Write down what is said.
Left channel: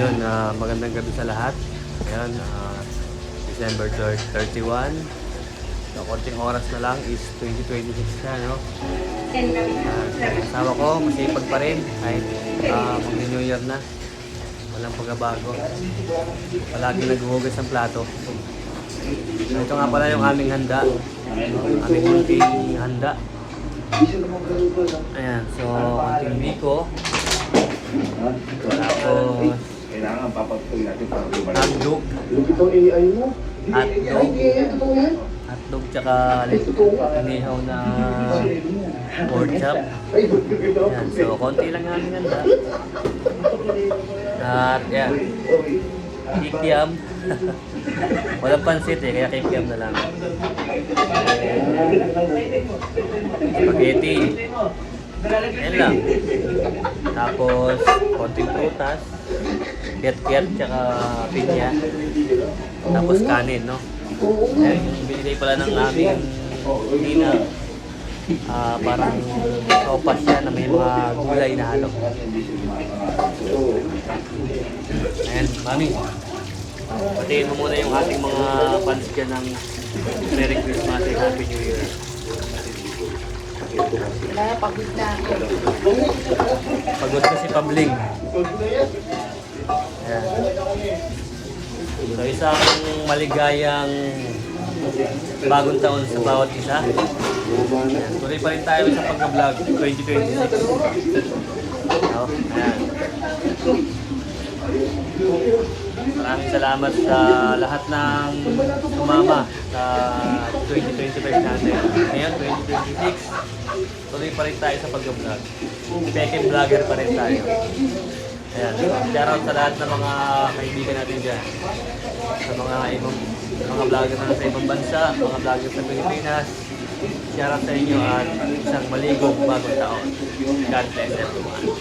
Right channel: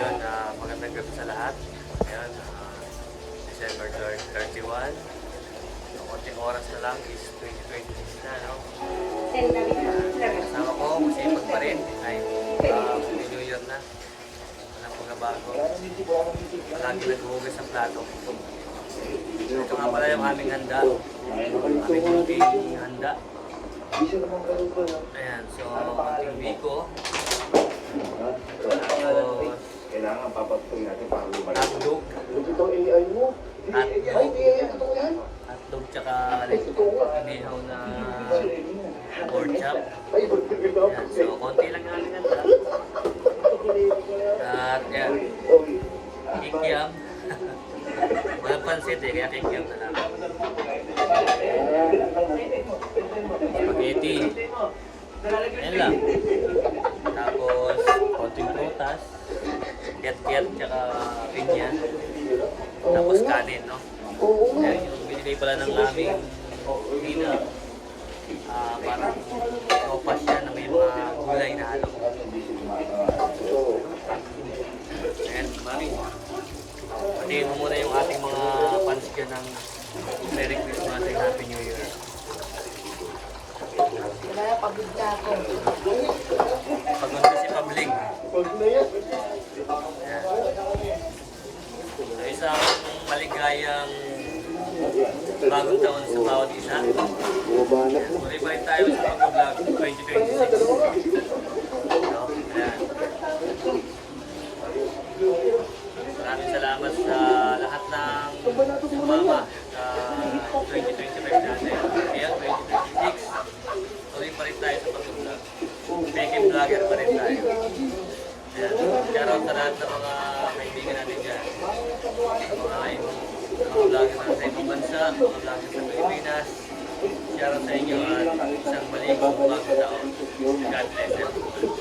Ayun, magandang gabi sa lahat. Ayun, December 31. So, konting oras na lang is 2026 na, no? Kasama ko, masipag pa rin. Kahit mag-New Year na. Walang pagbabago. Palagi naghuhugas ng plato. So, ito nga pala yung aming handa. Aming kunting handa. Ayan, so konting biko. Tapos kailangan papatuloy natin para hotdog. ito AI mo. Hotdog tsaka inihaw na pork chop. Ayan, so konti lang yung aming handa. At yan, kikiam. Walang pansit kaya kikiam na lang. Spaghetti. Yan lang. Tapos, konting prutas. Kiat-kiat, tsaka pinya. Tapos kanin, no? Ayan, yung binili pala ng aming ina. Parang sopas siya na may mga gulay na halo. Ayan, mami. Patiin mo muna yung ating mga fans dyan ng Merry Christmas and Happy New Year. Pagod na ako. Pagod na si Pabling. Ayan. So isang maligayang bagong taon sa bawat isa. Ayan. Tuloy pa rin tayo sa pag-vlog 2026. So, ayan. Maraming salamat sa lahat ng sumama sa 2025 natin. Ngayon, 2026, tuloy pa rin tayo sa pag-vlog. Second vlogger pa rin tayo. Ayan, shoutout sa lahat ng mga kaibigan natin dyan. Sa mga vlogger na sa ibang bansa, mga vlogger sa Pilipinas. Shoutout sa inyo at isang maligong bagong taon. God bless everyone.